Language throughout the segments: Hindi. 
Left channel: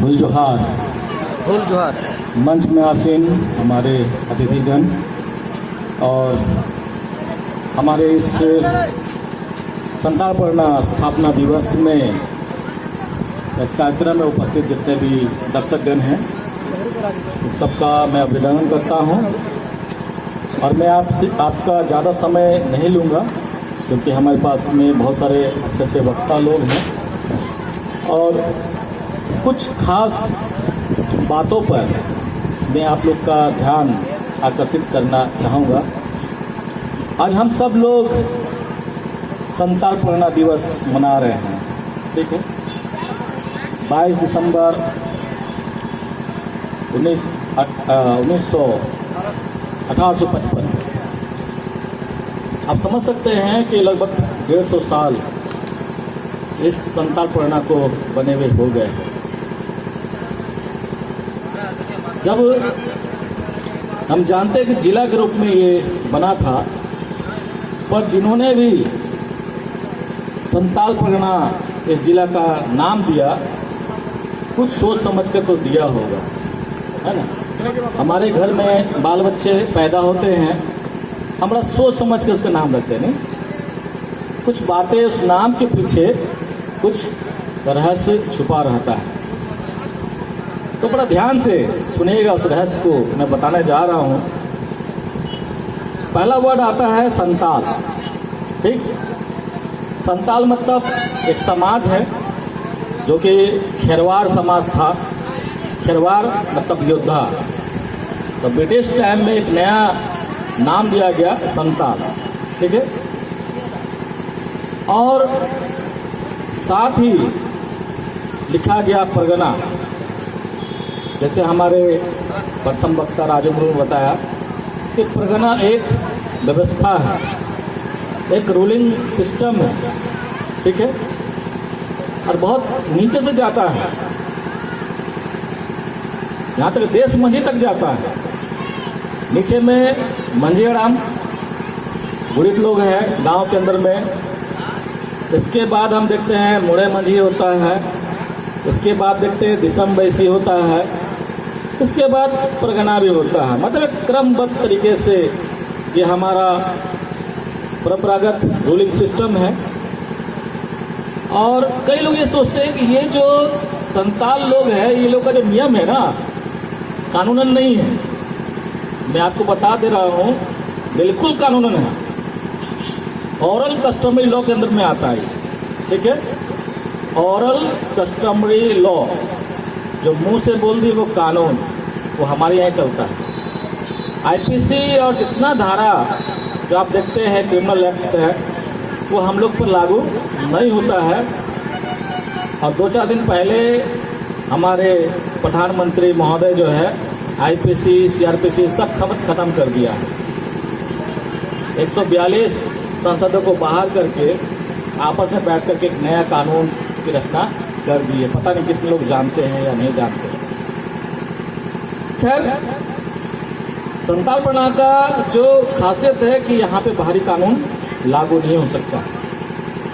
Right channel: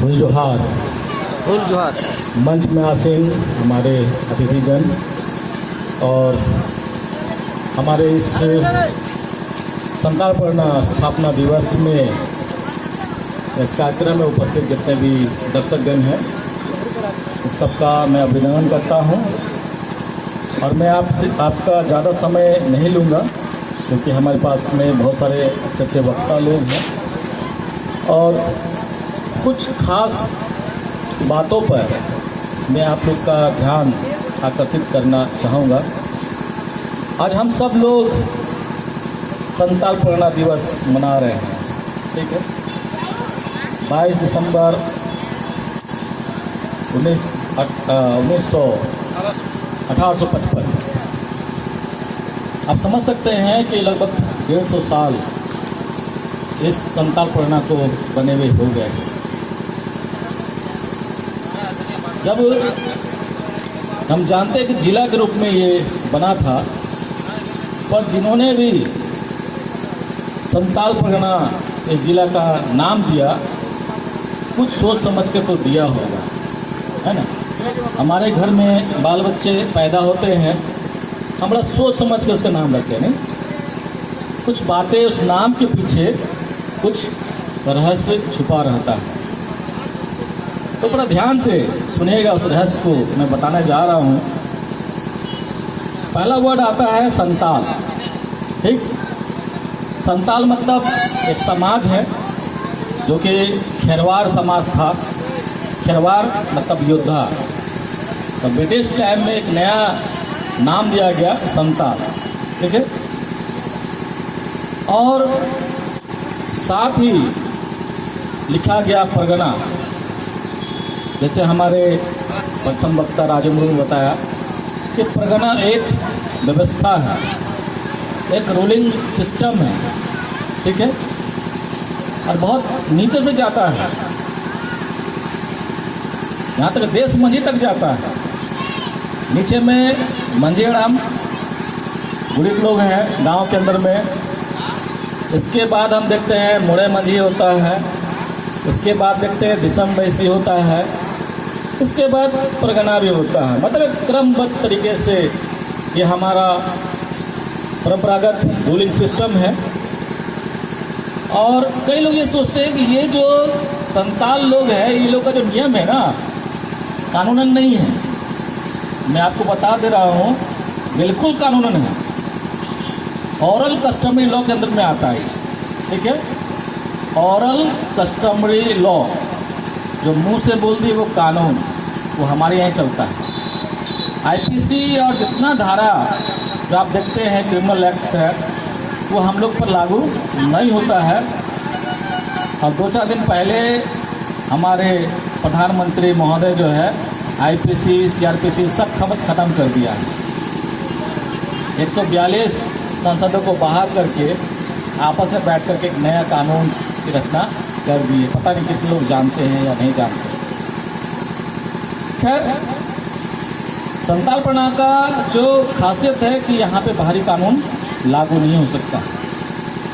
फुल जोहार। फुल जोहार। मंच में आसीन हमारे अतिथिगण और हमारे इस संतालपर्णा स्थापना दिवस में इस कार्यक्रम में उपस्थित जितने भी दर्शकगण हैं उन सबका मैं अभिनंदन करता हूं। और मैं आपका ज़्यादा समय नहीं लूँगा क्योंकि हमारे पास में बहुत सारे अच्छे वक्ता लोग हैं और कुछ खास बातों पर मैं आप लोग का ध्यान आकर्षित करना चाहूँगा। आज हम सब लोग संतालपर्णा दिवस मना रहे हैं, ठीक है। 22 दिसंबर 1855। आप समझ सकते हैं कि लगभग 150 साल इस संतालपर्णा को बने हुए हो गए हैं। जब हम जानते हैं कि जिला के रूप में ये बना था, पर जिन्होंने भी संतालपर्णा इस जिला का नाम दिया कुछ सोच समझ कर तो दिया होगा, है ना। हमारे घर में बाल बच्चे पैदा होते हैं, हम बड़ा सोच समझ कर उसका नाम रखते हैं, नहीं। कुछ बातें उस नाम के पीछे कुछ रहस्य छुपा रहता है, तो बड़ा ध्यान से सुनिएगा। उस रहस्य को मैं बताने जा रहा हूँ। पहला वर्ड आता है संताल, ठीक। संताल मतलब एक समाज है जो कि खेरवार समाज था। खेरवार मतलब योद्धा। तो ब्रिटिश टाइम में एक नया नाम दिया गया संताल, ठीक है। और साथ ही लिखा गया परगना। जैसे हमारे प्रथम वक्ता राजेंद्र ने बताया कि परगना एक व्यवस्था है, एक रूलिंग सिस्टम है, ठीक है। और बहुत नीचे से जाता है, यहाँ तक देश मंझी तक जाता है। नीचे में मंझेराम गुड़ित लोग हैं गांव के अंदर में। इसके बाद हम देखते हैं मुड़े मंझी होता है। इसके बाद देखते हैं दिसम बैसी होता है। इसके बाद परगना भी होता है। मतलब क्रमबद्ध तरीके से ये हमारा परंपरागत रूलिंग सिस्टम है। और कई लोग ये सोचते हैं कि ये जो संताल लोग हैं, ये लोग का जो नियम है ना, कानूनन नहीं है। मैं आपको बता दे रहा हूँ, बिल्कुल कानूनन है। ऑरल कस्टमरी लॉ के अंदर में आता है, ठीक है। ऑरल कस्टमरी लॉ, जो मुंह से बोल दी वो कानून, वो हमारे यहाँ चलता है। आईपीसी और जितना धारा जो आप देखते हैं क्रिमिनल एक्ट्स है, वो हम लोग पर लागू नहीं होता है। और 2-4 दिन पहले हमारे प्रधानमंत्री महोदय जो है आईपीसी सीआरपीसी सब खत्म कर दिया है। 142 सांसदों को बाहर करके आपस में बैठ करके एक नया कानून की रचना कर दी है। पता नहीं कितने लोग जानते हैं या नहीं जानते। खैर, संतालपर्णा का जो खासियत है कि यहाँ पे बाहरी कानून लागू नहीं हो सकता।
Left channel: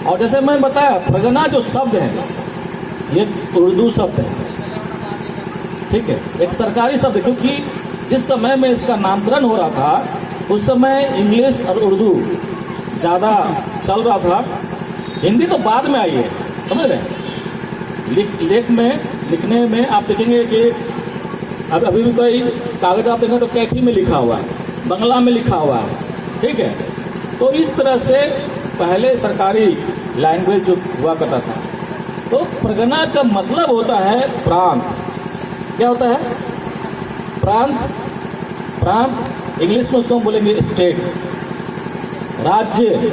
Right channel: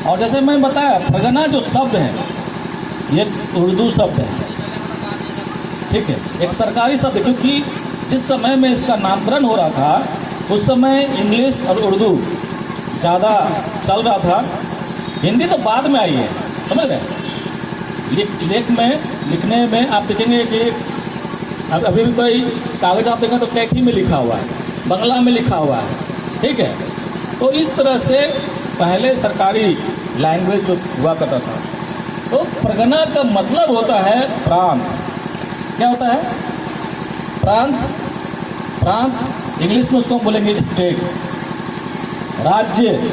और जैसे मैं बताया, परगना जो शब्द है ये उर्दू शब्द है, ठीक है। एक सरकारी शब्द है, क्योंकि जिस समय में इसका नामकरण हो रहा था उस समय इंग्लिश और उर्दू ज़्यादा चल रहा था। हिंदी तो बाद में आई है, समझ रहे। लेख में लिखने में आप देखेंगे कि अब अभी भी कोई कागज आप देखेंगे तो कैथी में लिखा हुआ है, बंगला में लिखा हुआ है, ठीक है। तो इस तरह से पहले सरकारी लैंग्वेज जो हुआ करता था। तो परगना का मतलब होता है प्रांत। क्या होता है? प्रांत। प्रांत इंग्लिश में उसको हम बोलेंगे स्टेट, राज्य,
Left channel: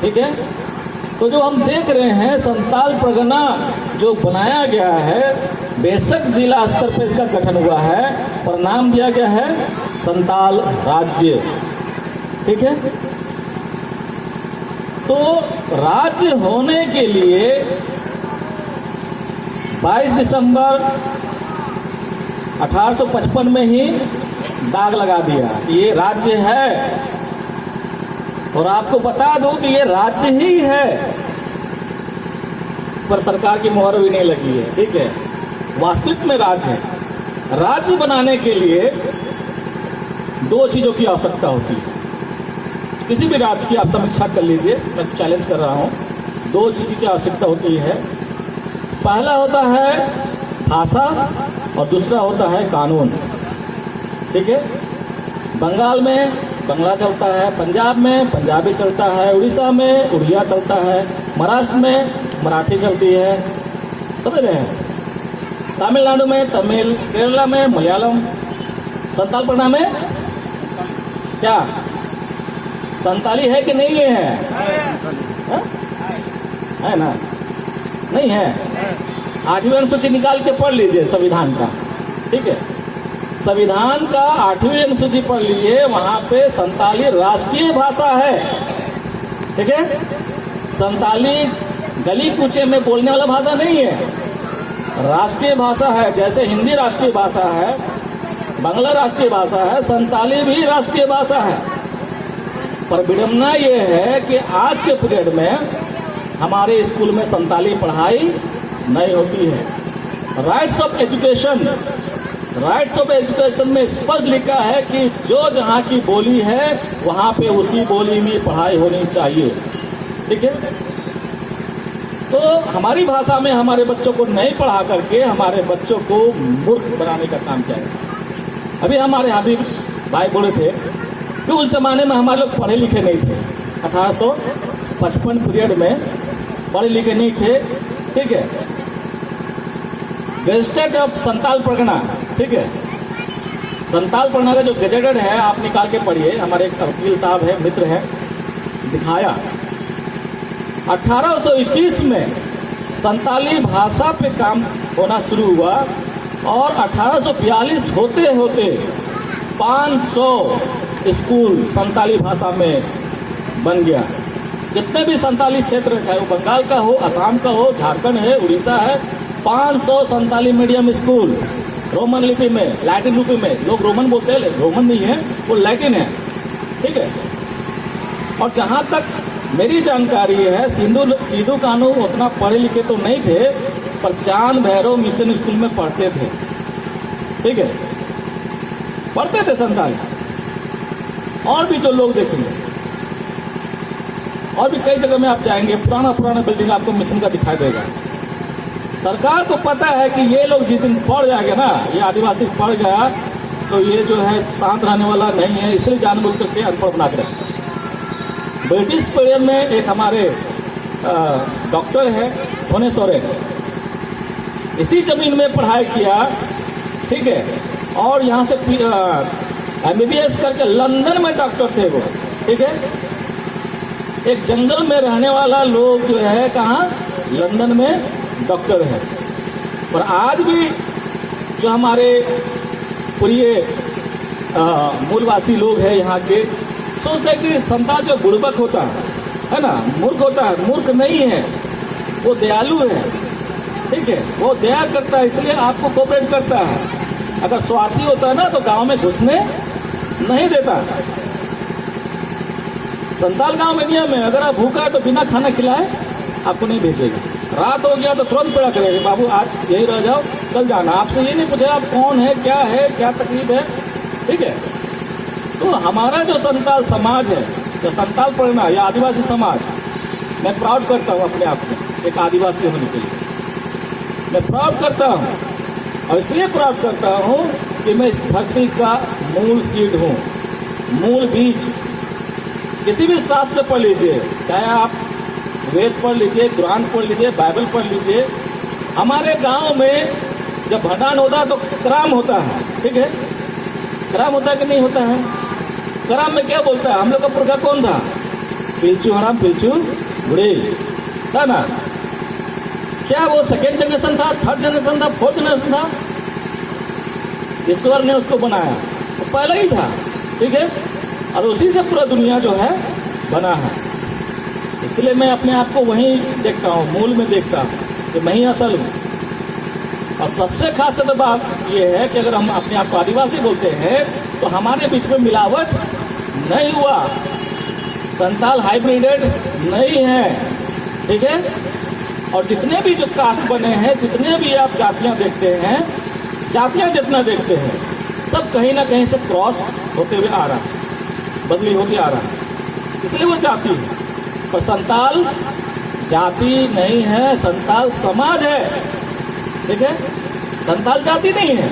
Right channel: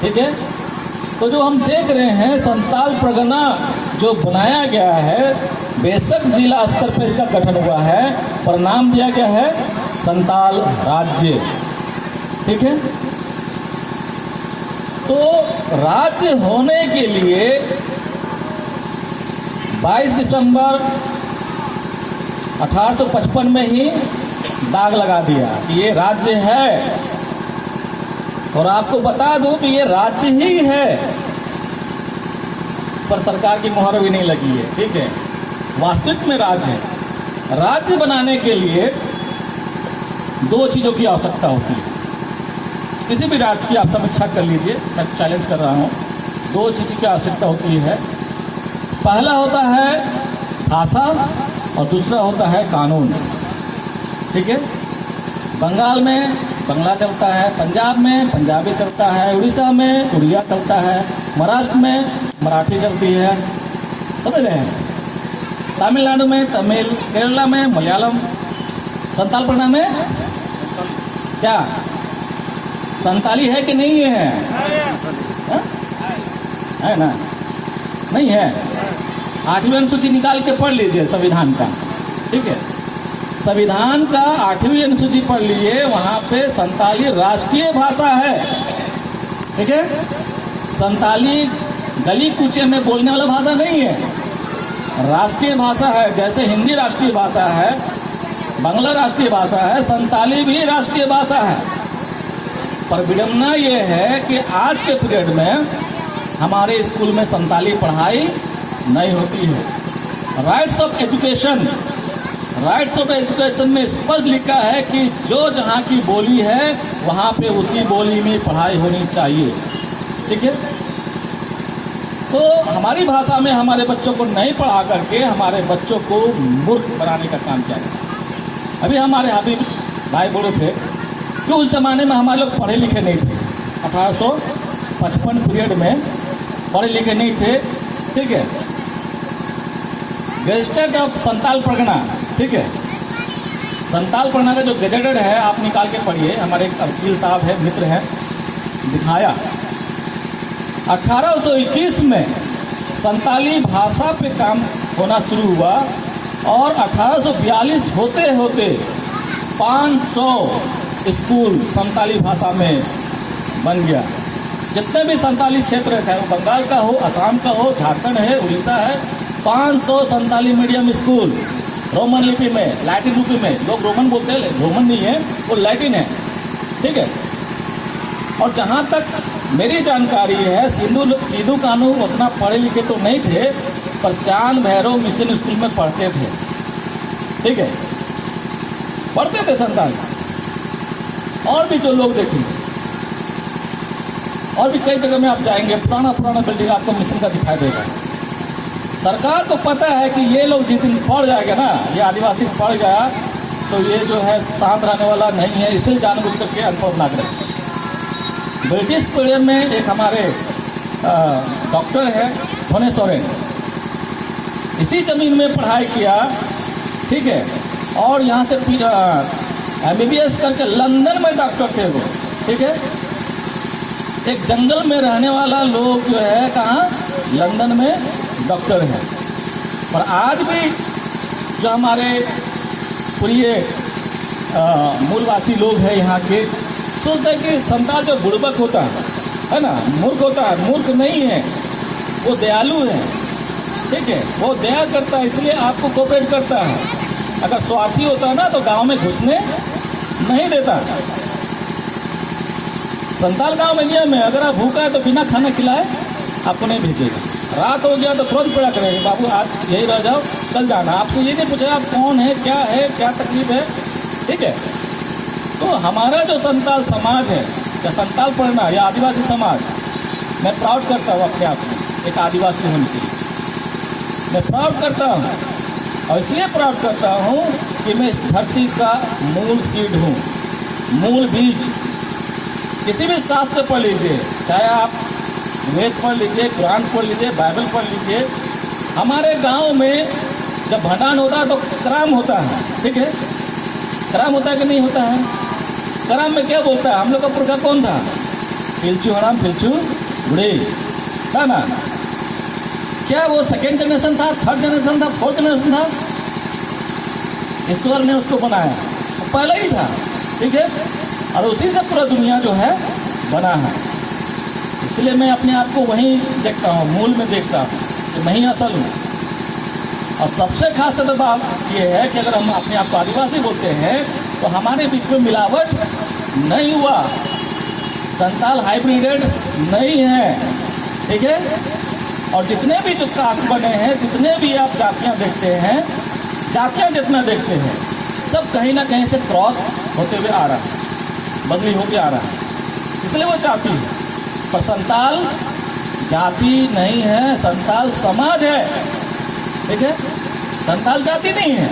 ठीक है। तो जो हम देख रहे हैं संताल परगना जो बनाया गया है, बेशक जिला स्तर पर इसका गठन हुआ है, पर नाम दिया गया है संताल राज्य, ठीक है। तो राज्य होने के लिए 22 दिसंबर 1855 में ही दाग लगा दिया कि ये राज्य है। और आपको बता दूं कि ये राज्य ही है, पर सरकार की मोहर भी नहीं लगी है, ठीक है। वास्तविक में राज्य है। राज्य बनाने के लिए दो चीजों की आवश्यकता होती है। किसी भी राज्य की आप समीक्षा कर लीजिए, मैं चैलेंज कर रहा हूं। दो चीज की आवश्यकता होती है। पहला होता है भाषा और दूसरा होता है कानून। ठीक है, बंगाल में बंगला चलता है, पंजाब में पंजाबी चलता है, उड़ीसा में उड़िया चलता है, महाराष्ट्र में मराठी चलती है, समझ रहे हैं, तमिलनाडु में तमिल, केरला में मलयालम, संतालपना में क्या संताली है कि नहीं है? है ना? नहीं है। 8वीं अनुसूची निकाल के पढ़ लीजिए संविधान का। ठीक है, संविधान का 8वीं अनुसूची पढ़ लीजिए, वहां पे संताली राष्ट्रीय भाषा है। ठीक है, संताली गली कूचे में बोलने वाला भाषा नहीं है, राष्ट्रीय भाषा है। जैसे हिंदी राष्ट्रीय भाषा है, बांग्ला राष्ट्रीय भाषा है, संताली भी राष्ट्रीय भाषा है। पर विडंबना यह है कि आज के पीरियड में हमारे स्कूल में संताली पढ़ाई नहीं होती है। राइट्स ऑफ एजुकेशन में स्पष्ट लिखा है कि जो जहां की बोली है वहां पे उसी बोली में पढ़ाई होनी चाहिए। ठीक है, तो हमारी भाषा में हमारे बच्चों को नहीं पढ़ा करके हमारे बच्चों को मूर्ख बनाने का काम किया जाए। अभी हमारे हबीब भाई बोले थे कि उस जमाने में हमारे लोग पढ़े लिखे नहीं थे। 1855 पीरियड में पढ़े लिखे नहीं थे। ठीक है, गजेटेड ऑफ संताल परगना। ठीक है, संताल परगना का जो गजेटेड है आप निकाल के पढ़िए। हमारे एक वकील साहब है, मित्र है, दिखाया 1821 में संताली भाषा पे काम होना शुरू हुआ और 1842 होते होते 500 स्कूल संताली भाषा में बन गया। जितने भी संताली क्षेत्र है, चाहे वो बंगाल का हो, असम का हो, झारखंड है, उड़ीसा है, 500 संताली मीडियम स्कूल रोमन लिपि में, लैटिन लिपि में। लोग रोमन बोलते हैं, रोमन नहीं है, वो लैटिन है। ठीक है, और जहां तक मेरी जानकारी है, सिद्धू कानू उतना पढ़े लिखे तो नहीं थे, पर चांद भैरव मिशन स्कूल में पढ़ते थे। ठीक है, पढ़ते थे संताली। और भी जो लोग देखेंगे, और भी कई जगह में आप जाएंगे, पुराना बिल्डिंग आपको मिशन का दिखाई देगा। सरकार को पता है कि ये लोग जिस दिन पढ़ जाएंगे ना, ये आदिवासी पढ़ गया तो ये जो है शांत रहने वाला नहीं है, इसलिए जानबूझ करके अनपढ़ बना कर रखते। ब्रिटिश पीरियड में एक हमारे डॉक्टर है धोने सोरेन, इसी जमीन में पढ़ाई किया। ठीक है, और यहाँ से फिर MBBS करके लंदन में डॉक्टर थे वो। ठीक है, एक जंगल में रहने वाला लोग जो है कहाँ, लंदन में डॉक्टर है। पर आज भी जो हमारे प्रिय मूलवासी लोग हैं यहाँ के, सोचते हैं कि संताल जो बुड़बक होता है ना, मूर्ख होता है। मूर्ख नहीं है, वो दयालु है। ठीक है, वो दया करता है, इसलिए आपको कोऑपरेट करता है। अगर स्वार्थी होता है ना तो गांव में घुसने नहीं देता। संताल गांव में नियम है, अगर आप भूखा है तो बिना खाना खिलाए आपको नहीं भेजेगा। रात हो गया तो तुरंत पड़ा करेगा, बाबू आज यही रह जाओ, चल जाना। आपसे ये नहीं पूछेगा आप कौन है, क्या तकलीफ है। ठीक है, तो हमारा जो संताल समाज है, या संताल पढ़ना या आदिवासी समाज, मैं प्राउड करता हूँ अपने आप में एक आदिवासी होने के लिए। मैं प्राउड करता हूँ, और इसलिए प्राउड करता हूँ कि मैं इस धरती का मूल सीड हूँ, मूल बीज। किसी भी शास्त्र पढ़ लीजिए, चाहे आप वेद पढ़ लीजिए, कुरान पढ़ लीजिए, बाइबल पढ़ लीजिए। हमारे गांव में जब भंडान होता है तो कराम होता है। ठीक है, कराम होता है कि नहीं होता है? कराम में क्या बोलता है? हम लोग का पुरखा कौन था? पिलचू हराम पिलचू बुढ़ेल, है ना? क्या वो सेकेंड जनरेशन था, थर्ड जनरेशन था, फोर्थ जनरेशन था? ईश्वर ने उसको बनाया, वो पहले ही था। ठीक है, और उसी से पूरा दुनिया जो है बना है। इसलिए मैं अपने आप को वहीं देखता हूँ, मूल में देखता हूँ कि मैं ही असल हूँ। और सबसे खास बात यह है कि अगर हम अपने आप को आदिवासी बोलते हैं तो हमारे बीच में मिलावट नहीं हुआ, संताल हाइब्रिडेड नहीं है। ठीक है, और जितने भी जो कास्ट बने हैं, जितने भी आप जातियां देखते हैं, जातियां जितना देखते हैं, सब कहीं ना कहीं से क्रॉस होते हुए आ रहा है, बदली होते आ रहा है, इसलिए वो जाति है। पर संताल जाति नहीं है, संताल समाज है। ठीक है, संताल जाति नहीं है।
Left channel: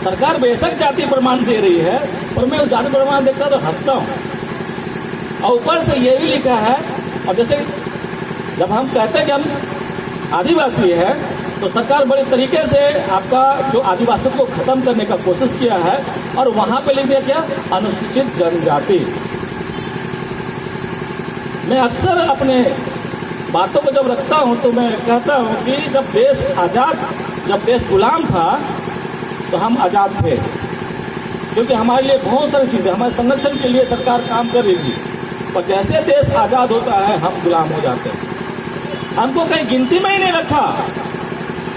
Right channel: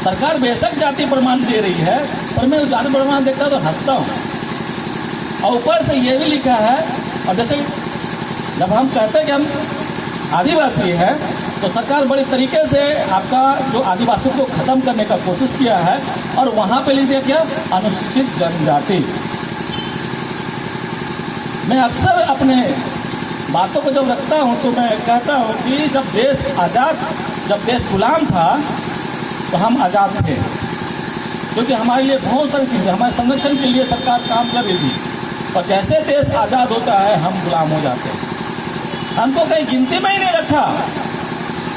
सरकार बेशक जाति प्रमाण दे रही है, पर मैं उस जाति प्रमाण देखता तो हंसता हूँ। और ऊपर से ये भी लिखा है, और जैसे जब हम कहते हैं कि हम आदिवासी है, तो सरकार बड़े तरीके से आपका जो आदिवासी को खत्म करने का कोशिश किया है, और वहां पे लिख दिया क्या, अनुसूचित जनजाति। मैं अक्सर अपने बातों को जब रखता हूं तो मैं कहता हूं कि जब देश आजाद, जब देश गुलाम था तो हम आजाद थे, क्योंकि हमारे लिए बहुत सारी चीजें, हमारे संरक्षण के लिए सरकार काम कर रही थी। और जैसे देश आजाद होता है हम गुलाम हो जाते हैं। हमको कहीं गिनती में ही नहीं रखा,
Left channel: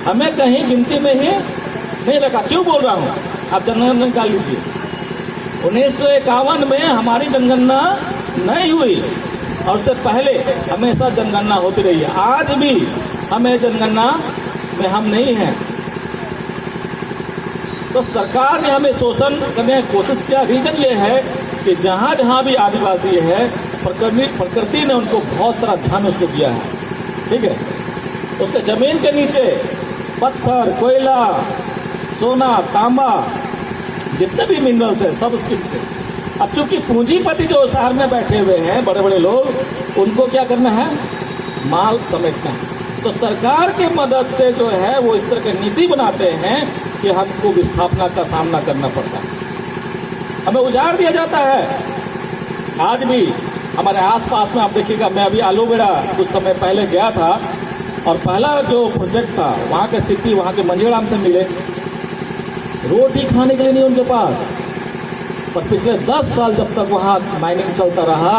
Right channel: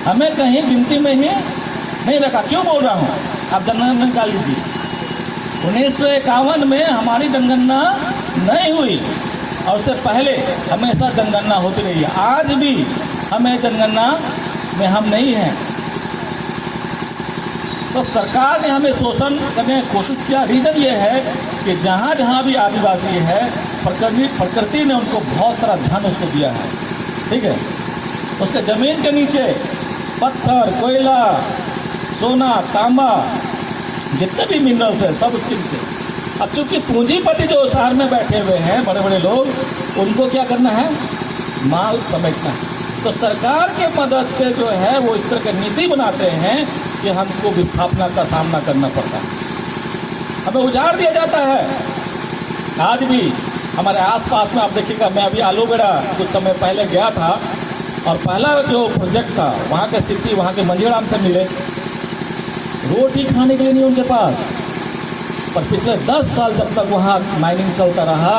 हमें कहीं गिनती में ही नहीं रखा। क्यों बोल रहा हूँ, आप जनगणना निकाल लीजिए। 1951 में हमारी जनगणना नहीं हुई, और उससे पहले हमेशा जनगणना होती रही है। आज भी हमें जनगणना में हम नहीं हैं। तो सरकार ने हमें शोषण करने की कोशिश किया। रीजन ये है कि जहाँ जहाँ भी आदिवासी है, प्रकृति ने उनको बहुत सारा धन उसको दिया है। ठीक है, उसके जमीन के नीचे पत्थर, कोयला, सोना, तांबा, जितने भी मिनरल्स है सब उसके नीचे। अब चूंकि पूंजीपति जो शहर में बैठे हुए हैं, बड़े बड़े लोग, उनको क्या करना है, माल समेटना है। तो सरकार की मदद से जो है वो इस तरह की नीति बनाते हैं कि हमको विस्थापना का सामना करना पड़ता है, हमें उजाड़ दिया जाता है। आज भी हमारे आसपास में आप देखिएगा, मैं अभी आलूगढ़ा कुछ समय पहले गया था, और पहला जो प्रोजेक्ट था वहाँ की स्थिति, वहाँ के मंजीराम से मिले, रोटी खाने के लिए नहीं उनके पास। पर पिछले 10 साल जब तक वहाँ माइनिंग चलता रहा,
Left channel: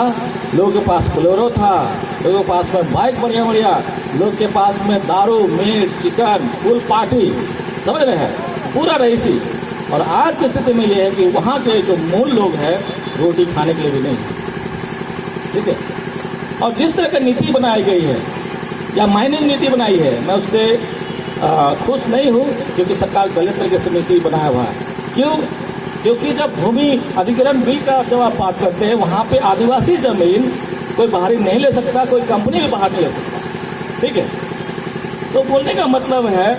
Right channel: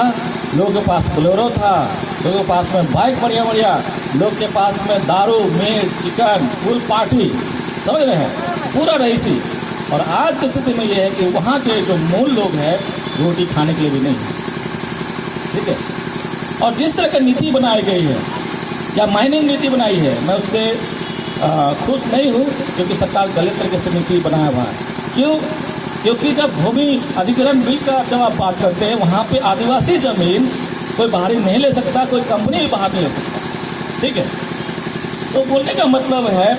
लोगों के पास बोलेरो था, लोगों के पास में बाइक बढ़िया बढ़िया, लोग के पास में दारू, मीट, चिकन, फुल पार्टी, समझ रहे हैं, पूरा रईसी। और आज की स्थिति में यह है कि वहाँ के जो मूल लोग हैं रोटी खाने के लिए भी नहीं। ठीक है, और जिस तरह की नीति बनाई गई है या माइनिंग नीति बनाई है, मैं उससे खुश नहीं हूँ, क्योंकि सरकार गलत तरीके से नीति बनाया हुआ है। क्यों? क्योंकि जब भूमि अधिग्रहण बिल का जब आप बात करते हैं, वहाँ पे आदिवासी जमीन कोई बाहरी नहीं ले सकता, कोई कंपनी भी बाहर नहीं ले सकता। ठीक है, तो बोलने का मतलब है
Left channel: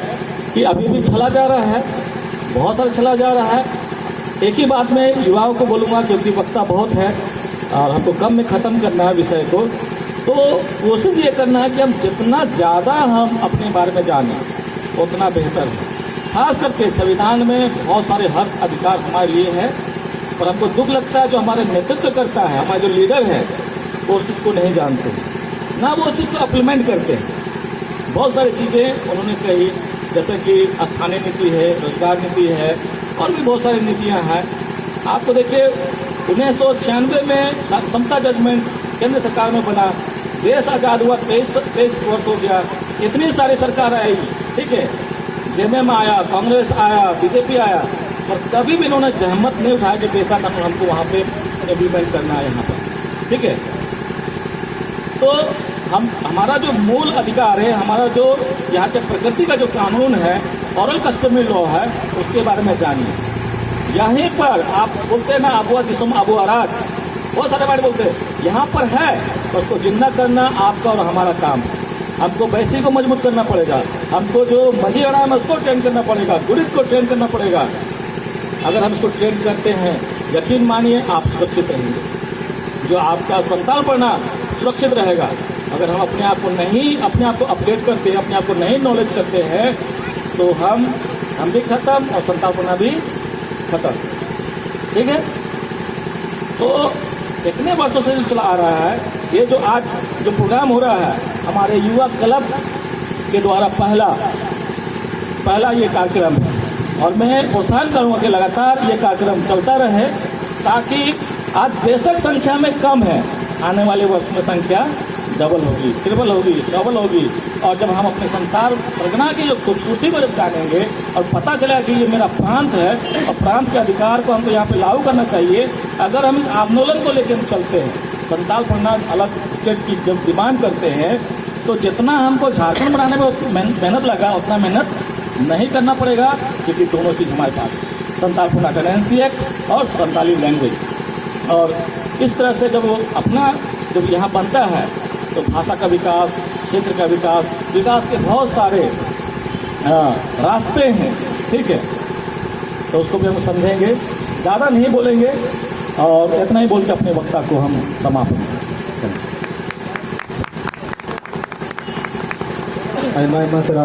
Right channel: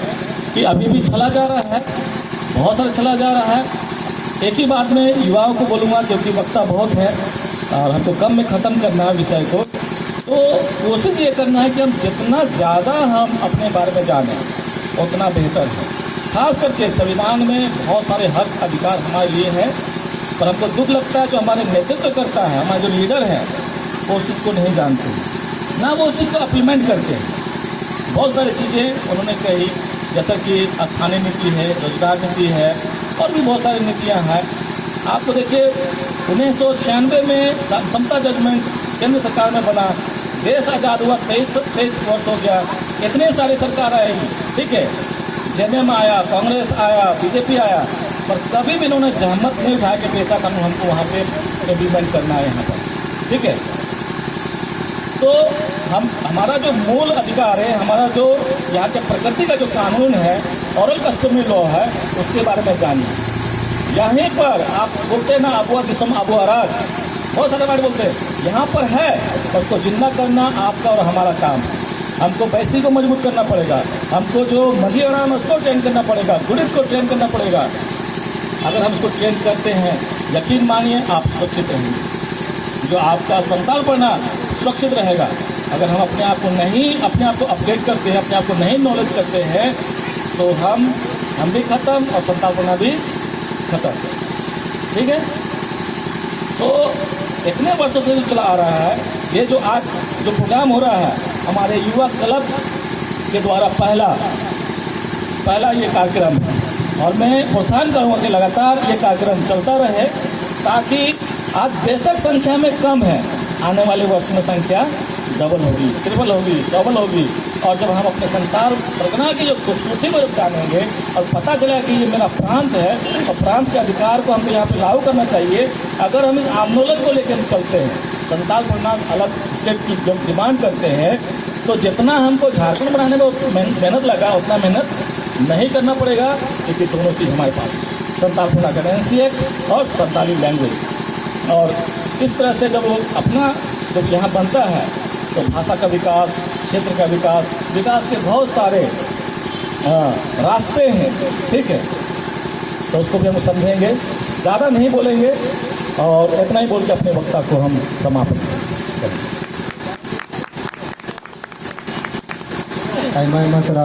कि अभी भी चला जा रहा है, बहुत सारा चला जा रहा है। एक ही बात में युवाओं को बोलूँगा, क्योंकि वक्ता बहुत है और हमको कम में ख़त्म करना है विषय को, तो कोशिश ये करना है कि हम जितना ज़्यादा हम अपने बारे में जानें उतना बेहतर है। खास करके संविधान में बहुत सारे हक अधिकार हमारे लिए हैं, पर हमको दुख लगता है जो हमारे नेतृत्व करता है, हमारे जो लीडर है, वो उस चीज़ को नहीं जानते, ना वो उस चीज़ को इम्प्लीमेंट करते हैं। बहुत सारी चीज़ें उन्होंने कही, जैसा कि स्थानीय नीति है, रोजगार नीति है, और भी बहुत सारी नीतियाँ हैं। आपको देखिए 1996 में समता जजमेंट केंद्र सरकार में बना, देश आज़ाद हुआ, 23 वर्ष हो गया, इतनी सारी सरकार आई। ठीक है, जेएमएम आया, कांग्रेस आया, बीजेपी आया, पर कभी भी इन्होंने जहमत नहीं उठाया कि पैसा हमको वहाँ पे इम्प्लीमेंट करना है यहाँ पर। ठीक है, तो हमारा जो मूल अधिकार है, हमारा जो यहाँ के प्रकृति का जो कानून है, ऑरल कस्टमरी लॉ है, उसके बारे में जानिए। यहीं पर आप बोलते हैं ना, आबुआ जिसम आबुआ राज, बहुत सारे बार बोलते हैं, यहाँ पर है, तो उसको जिंदा करना आपका और हमारा काम। हमको वैसी को मजबूत करना पड़ेगा, हमको जो मजी अड़ान उसको ट्रेन करना पड़ेगा, गुरित को ट्रेन करना पड़ेगा। अगर हम इसको ट्रेन करते हैं, यकीन मानिए आप सुरक्षित रहेंगे, जो आपका संताल पढ़ना सुरक्षित रहेगा। अगर हम अपने आप को अपडेट करते हैं, अपने आप को नहीं नॉलेज करते हैं, तो हम भी खत्म और संताल पढ़ना भी खत्म। ठीक है, तो इतने वर्षों से चला आ रहा है। ये जो आज जो प्रोग्राम हो रहा है हमारे युवा क्लब के द्वारा पहला ये कार्यक्रम है, और मैं प्रोत्साहन करूँगा कि लगातार ये कार्यक्रम चलता रहे, ताकि आज बेशक संख्या में कम है, आने वाले वर्ष में संख्या डबल होगी, ट्रिपल होगी, डबल होगी। और जब हम अपने संताल परगना की जो खूबसूरती को जब जानेंगे और पता चला कि ये मेरा प्रांत है और प्रांत के अधिकार को हमको यहाँ पे लागू करना चाहिए, अगर हम इस आंदोलन को लेकर चलते हैं, संताल परगना अलग स्टेट की जब डिमांड करते हैं, तो जितना हमको झारखंड बनाने में मेहनत लगा उतना मेहनत नहीं करना पड़ेगा, क्योंकि दोनों चीज़ हमारे पास, संतालपुर अटेंडेंसी एक्ट और संताली लैंग्वेज। और इस तरह से जब वो अपना जब यहाँ बनता है तो भाषा का विकास, क्षेत्र का विकास, विकास के बहुत सारे रास्ते हैं, ठीक है। तो उसको भी हम समझेंगे, ज़्यादा नहीं बोलेंगे और इतना ही बोल के अपने वक्ता को हम समाप्त करेंगे। Ay, maestra,